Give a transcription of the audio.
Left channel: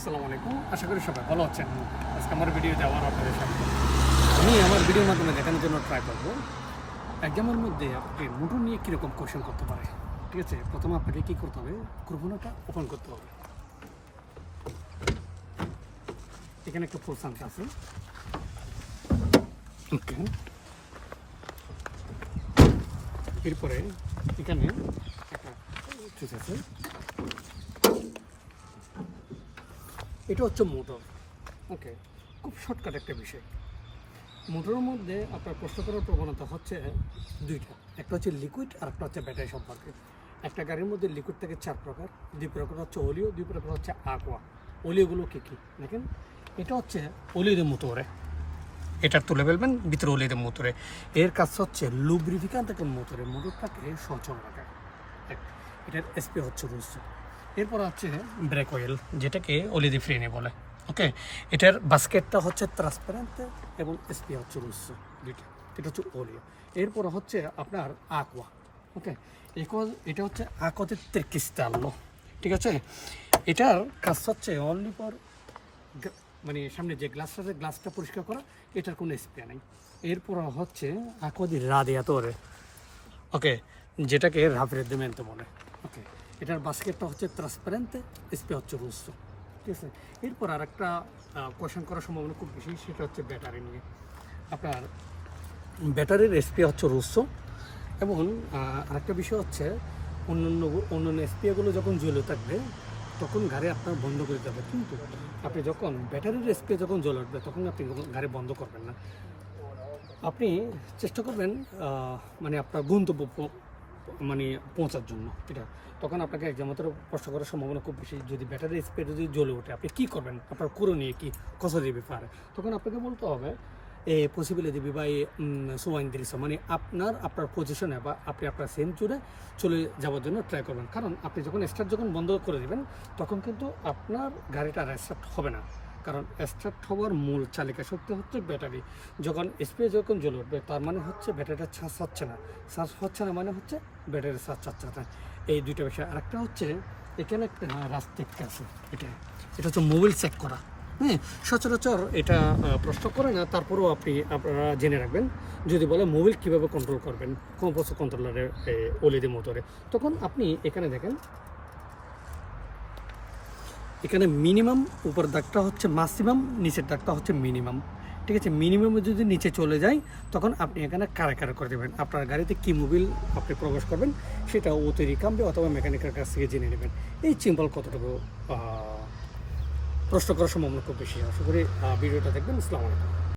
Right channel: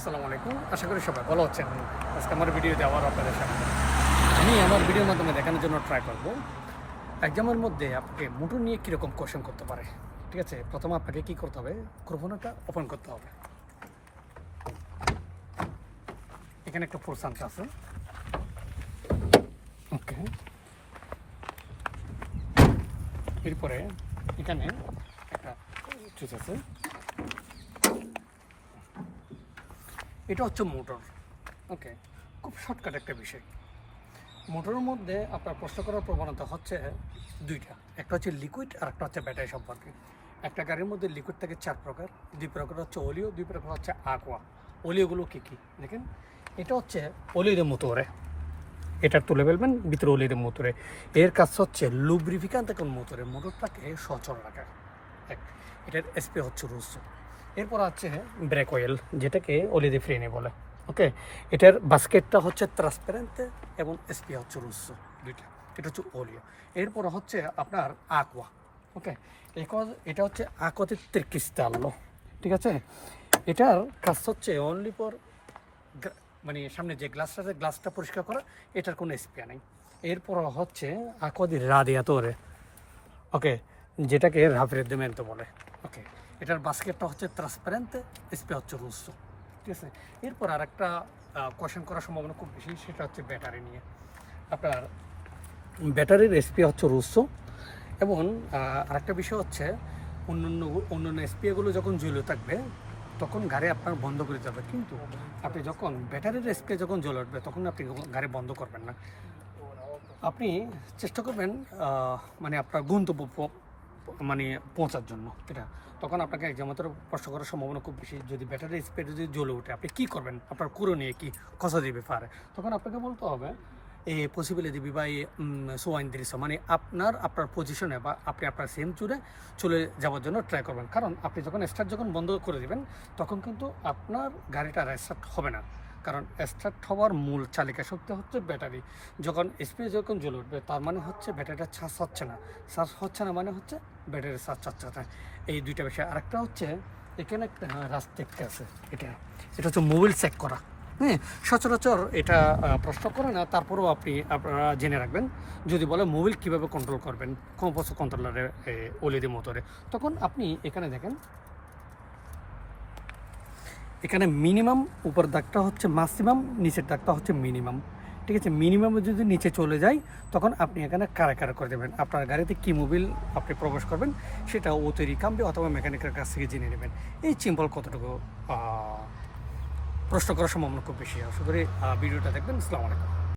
আসসালামু আলাইকুম। আশা করি সবাই ভালো আছেন। আজকে আমার ভিডিও দেওয়ার আপনাদের সামনে। আমি আমার ভিডিওর মাধ্যমে দেখানোর জন্য ট্রাই করব। এক্সামের মধ্যে আপনাকে মোটর নিয়ে কীরকম কোশ্চেন করতে পারে, ঠিক আছে? প্রথমে আপনাকে কী করতে হবে? ক্রোফোনাটা ওপেন করতে হবে। এখানে একটা ফোর্সাংস আছে ওকে এরপরে এখানে একটা চুজ আছে। এটা হচ্ছে মোটর। ওকে, খুব শর্টকাট একটা বিষয়। মোটরের মধ্যে আপনার প্রশ্ন করার প্রবণতা হচ্ছে দুইটা। একটা হচ্ছে লিকুইড আর একটা হচ্ছে ব্যাটারি সম্পর্কে। একটা গাড়ির মধ্যে লিকুইড থাকে চার প্রকার। দুই প্রকার হচ্ছে অলিও, দুই প্রকার হচ্ছে আকোয়া অলিওগুলো কী কী? দেখেন, এটা হচ্ছে অলিওদের মোটরে। এটা তুলে ফেলবেন, ভিতরে অলিওদের মোটরে। এর কাজ হচ্ছে লুব্রিফিকান থেকে মোটরে। মোটরটাকে সচল রাখা এক, এটার এসপি হচ্ছে রুসু এরপর আছে ব্রেক অয়েল যেটাকে অলিদি ফ্রেনে বলে। ওকে এটার বাস্কেটটা হচ্ছে ট্রান্সপারেন্ট এবং এসপি হচ্ছে রুসু দুইটা। এটা হচ্ছে অলিও এরপর হচ্ছে আপনার আকোয়া ওকে এটা হচ্ছে আকোতে ত্রিকিস্তাল্লো ঠিক আছে? এটার কাজ হচ্ছে অনলি ফর মানে সামনে যে গ্লাসটা আছে গ্লাসটা পরিষ্কার করা, এটার কোনো স্পেয়ার নেই। এরপর হচ্ছে আকদি রাদিয়াতরে ওকে যেটাকে রাফিরেদ্দেমেন্তো বলে। ওকে এটার বাস্কেটটা হচ্ছে ট্রান্সপারেন্ট স্পে হচ্ছে রুসো ঠিক আছে? এরপর আর একটা কোয়েশন করার সম্ভাবনা খুব বেশি, সেটা হচ্ছে ব্যাটারি নিয়ে। আপনার ব্যাটারির এসপি হচ্ছে রুসো এবং আরেকটা বিষয় হচ্ছে অন্যান্য অন্যান্য এসপিএগুলো যখন জ্বলে থাকবে, তখন গাড়ি আপনার বন্ধ করে দিতে হবে। কিন্তু আপনি যখন, ব্যাটারির এসপি যখন জ্বলে উঠবে, তখন আপনি গাড়ি বন্ধ করবেন না। আপনি চেষ্টা করবেন মানে আপনার গন্তব্য মানে পৌঁছার জন্য, এটা। তখন আপনাকে এক্সামের কষ্ট করার সম্ভাবনা খুব বেশি। যদি ব্যাটারি স্পিড যদি জ্বলে ওঠে, আপনি কী করবেন? আপনার কুরো নিয়ে কি কষা দিবে পারে তখন আপনাকে বলতে হবে, এ পসিবিলিটি দিবি বা সোয়াইন দৃশ্য মানে আপনার আপনার পজিশনে বা আপনি আপনার সেম চুরে চলে যাওয়ার জন্য ট্রাই করবেন। কারণ আপনি যখন স্টার্ট যখন বন্ধ করে দেবেন, তখন কিন্তু আপনার গাড়িটা স্টার্ট হবে না। কারণ স্টার্ট হওয়ার মূল চালিকা শক্তি হচ্ছে ব্যাটারি যখন স্প্রে যখন জ্বলে উঠবে, তার মানে হচ্ছে ব্যাটারিটা চার্জ হচ্ছে না। চার্জ হচ্ছে না মানে হচ্ছে ব্যাটারি চার্জ হচ্ছে না এই দুইটা বিষয়। আরেকটা হচ্ছে, এখানে একটা রাস্তা আছে, এটা। এটা হচ্ছে মোবাইল চেক করা। হ্যাঁ সচরাচর এটা প্রশ্ন করে না, তারপরেও আপনি, আপনারা জেনে রাখবেন। যদি বলে মোবাইল কীভাবে কন্ট্রোল করবেন, কম্পোজ কন্ট্রোলারে ওলিদি মোটরে তখন আপনি এখানে দেখেন, এখানে মিনিমাম উপর দাগটা হচ্ছে ম্যাক্সিমাম নিচের দাগটা হচ্ছে মিনিমাম ঠিক আছে মিনিমাম যদি নিচে চলে যায়, তখন আপনি এখানে কারা কারা করে দেবেন। আপনার গাড়িতে কি মোবিল আপনি প্রবেশ করবেন, সেটা ও তৈরি কামবে অথবা মেকানিকের কাছ থেকে জেনে নেবেন। এই সিম্পল কতটুকু প্রশ্ন করার সম্ভাবনা খুব বেশি। আশা করি ভিডিওটা দেখবেন। আসসালামু আলাইকুম।